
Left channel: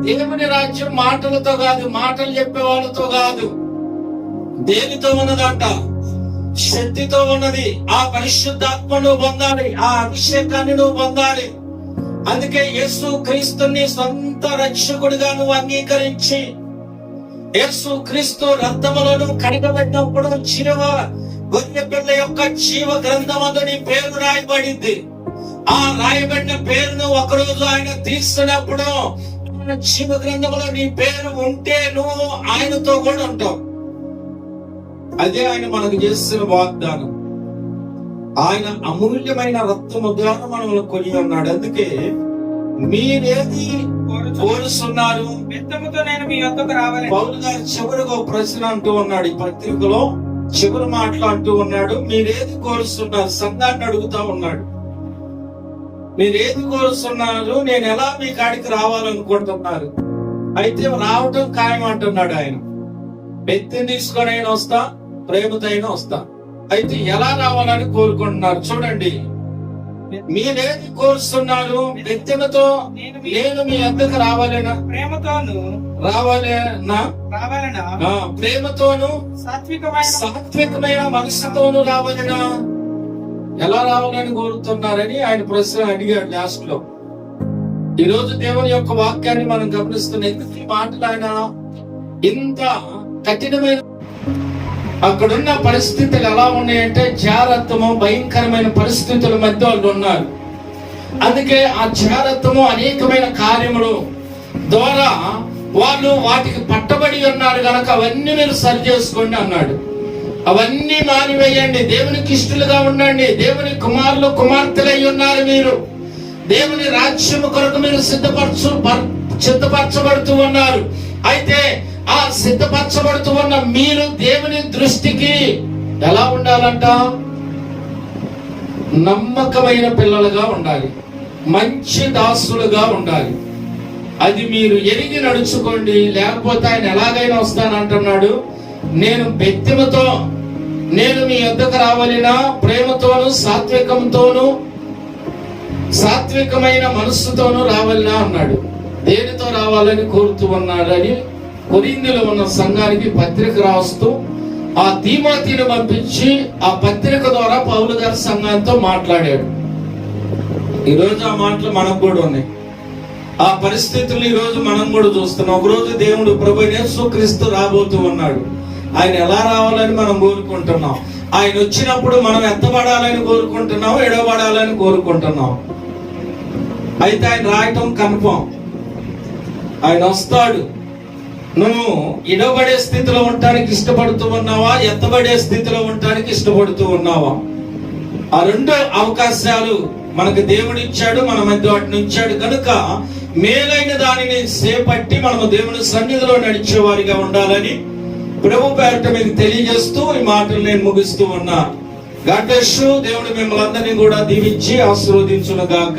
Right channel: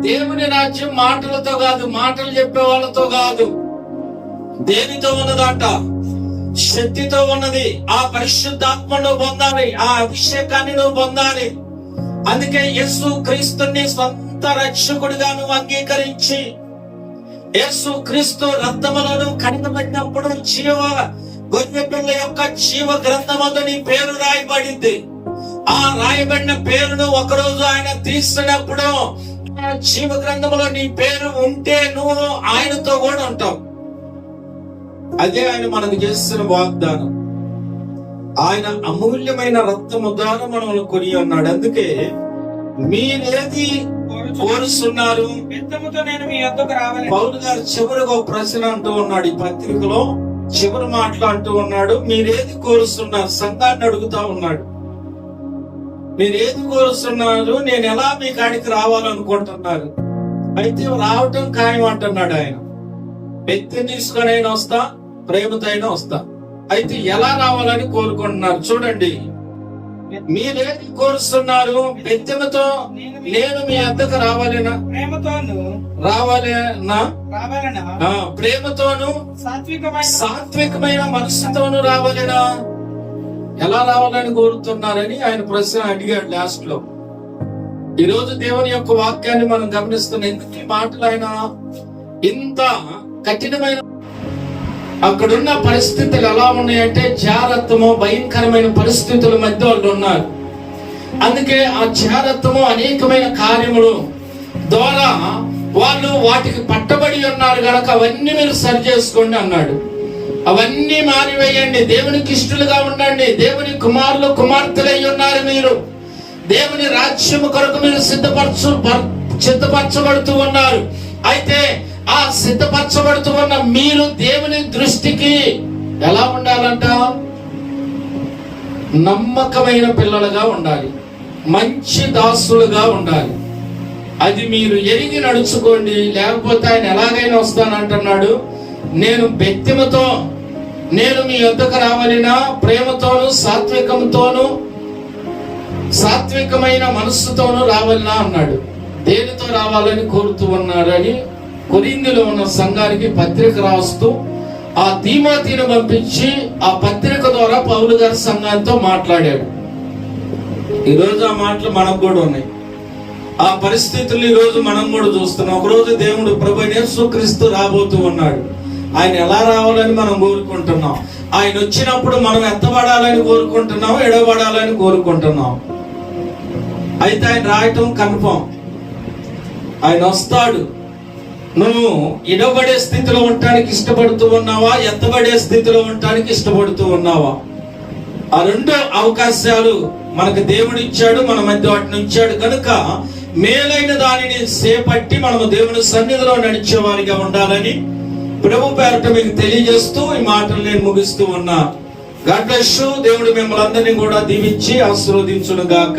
దేవుని రాజ్యం మాటలతో కాదు, మాటలు చెప్పే వాళ్ళతో కాదు. దేనితో ఉన్నదంట? శక్తితో ఉన్నది. ఆ పరిశుద్ధాత్మను పొందాలి, ఆ అభిషేకాన్ని నువ్వు పొందాలి. అందుకే యేసు క్రీస్తుని సొంత రక్షకుడిగా నువ్వు అంగీకరించి, యేసు క్రీస్తు రక్తములను కడిగబెట్టినప్పుడు గొర్రె పిల్ల యొక్క జీవ గ్రంథమందు నీ పేరు రాయబడింది. ఆ రాయబడిన పేరును ఒకరోజు ఆయన తీస్తున్నప్పుడు జీవ గ్రంథములో నీ పేరు ఉంటే నువ్వు ఆయనతో కూడా ఉంటావు. అదే ఆయన మనకు చేస్తున్న వాగ్దానం. ఆయన అమూల్యమైన రక్తము ద్వారా మనల్ని కొని ఉన్నాడు. అందుకే మీరేది కోరుస్తున్నారు? పౌలు గారు చివరిగా ఒక ప్రశ్న అంటూ ఉన్నాడు, ఈ పత్రికలో చివరి మాటలు అంటూ ఉన్నాడు. మీరేది కోరుస్తున్నారు? సంఘాన్ని అడుగుతా ఉన్నాడు. మీరేది కోరుస్తున్నారు? నేను ఎలా మీ కాడికి రావాలనుకుంటున్నారు? అయితే రావటం ఖాయం అంటున్నాడు ఆయన. బెత్తిని తీసుకొని అయినా వస్తా, ప్రేమతో అయినా వస్తా. అయితే ఎలా రావాలని కోరుకుంటున్నారు? చూడండి, మీరేది కోరుస్తున్నారు? బెత్తెమతో నేను మీ వద్దకు రావాలనా? ప్రేమతోను సాత్వికమైన మనసుతోను రావాలనా? ఎలా రావాలని కోరుతున్నారని ఆయన ప్రశ్న అడిగాడు లాస్ట్ లో. ఈ రోజు దేవుని యొక్క వాక్యాన్ని మనం గమనిస్తున్నాం. ఎందుకు ఈ మాటలు ఆయన ఇంత కఠినమైన? అక్కడున్న పరిస్థితులు ఎలా ఉన్నాయంటే జారత్వము, భయంకరమైన పరిస్థితుల మధ్య వాళ్ళు ఉన్నారు. అందుకే ఆ జారత్వము అనేకమైన కార్యములు ద్వారా వాళ్ళు వాటికి పట్టబడి ఉన్నారు కనుక అవన్నీ మీరు సరి చేసుకోండి అన్నాడు. అవన్నీ మానివేయండి, దేవునికి ఇష్టలుగా ఉండండి, దేవుని కుమారులు కుమార్తెలై ఉన్నారు మీరు, దేవుని రాజ్యము కొరకు మీరు సిద్ధపరచబడుతూ ఉన్నారు. అయితే ఆ సిద్ధపరచబడుతూ ఉన్న మీరు దేవుని దృష్టికి ఎలా ఉండాలంట? నమ్మకమైన పిల్లలుగా ఉండాలి, మంచి దాసులుగా ఉండాలి. అది మీరు ఎరిగి నడుచుకోండి. లేకపోతే ఆయన ఎలాగైనా వస్తానంటున్నాడు. నేను బెత్తిమతో నేను మీ వద్దకు రావాలినా? ప్రేమతోను సాత్వికమైన మనస్సుతోను రావాలినా అన్నాడు. దేనితో రావాలని కోరుతూ ఉన్నారని కొరింథీలో ఉన్న సంఘానికి పత్రిక రాస్తూ ఆ తీమోతిని పంపించి ఆ పత్రిక ద్వారా పౌలు గారి సంఘంతో మాట్లాడాడు. ఈరోజు ఆ మాటలు మనకు కూడా ఉన్నాయి. ఆ పరిస్థితులు ఈ రోజు మనం కూడా చూస్తున్నాం. ఒకరోజు దేవుడు ప్రభు యేసుక్రీస్తు రాబోతూ ఉన్నాడు. ఆయన ఎలా రావాలని మనం కోరుకుంటున్నాం. ఆయన వచ్చినప్పుడు మనం ఎత్తబడాలని కోరుకుంటున్నాం, ఎడబడాలని కోరుకుంటున్నాం. అయితే ఆయన రాయటం కన్ఫర్మ్. ఆయన వస్తాడు. నువ్వు ఇడబడే స్థితిలో ఉండటానికి ఇష్టపడుతూ ఉన్నావా, ఎత్తబడే స్థితిలో ఉండటానికి ఇష్టపడుతూ ఉన్నావా? ఆ రెండు అవకాశాలు మనకు దేవుడు ఇచ్చాడు, మన మధ్య వాటిని ఉంచాడు. కనుక మేలైన దానిని చేపట్టి మనము దేవుని సన్నిధిలో నడిచే వారిగా ఉండాలని ప్రభు పేరట మీకు తెలియజేస్తూ ఈ మాటలు నేను ముగిస్తూ ఉన్నా. God bless you. దేవుడు మిమ్మల్ని అందరినీ కూడా దీవించి ఆశీర్వదించును గాక.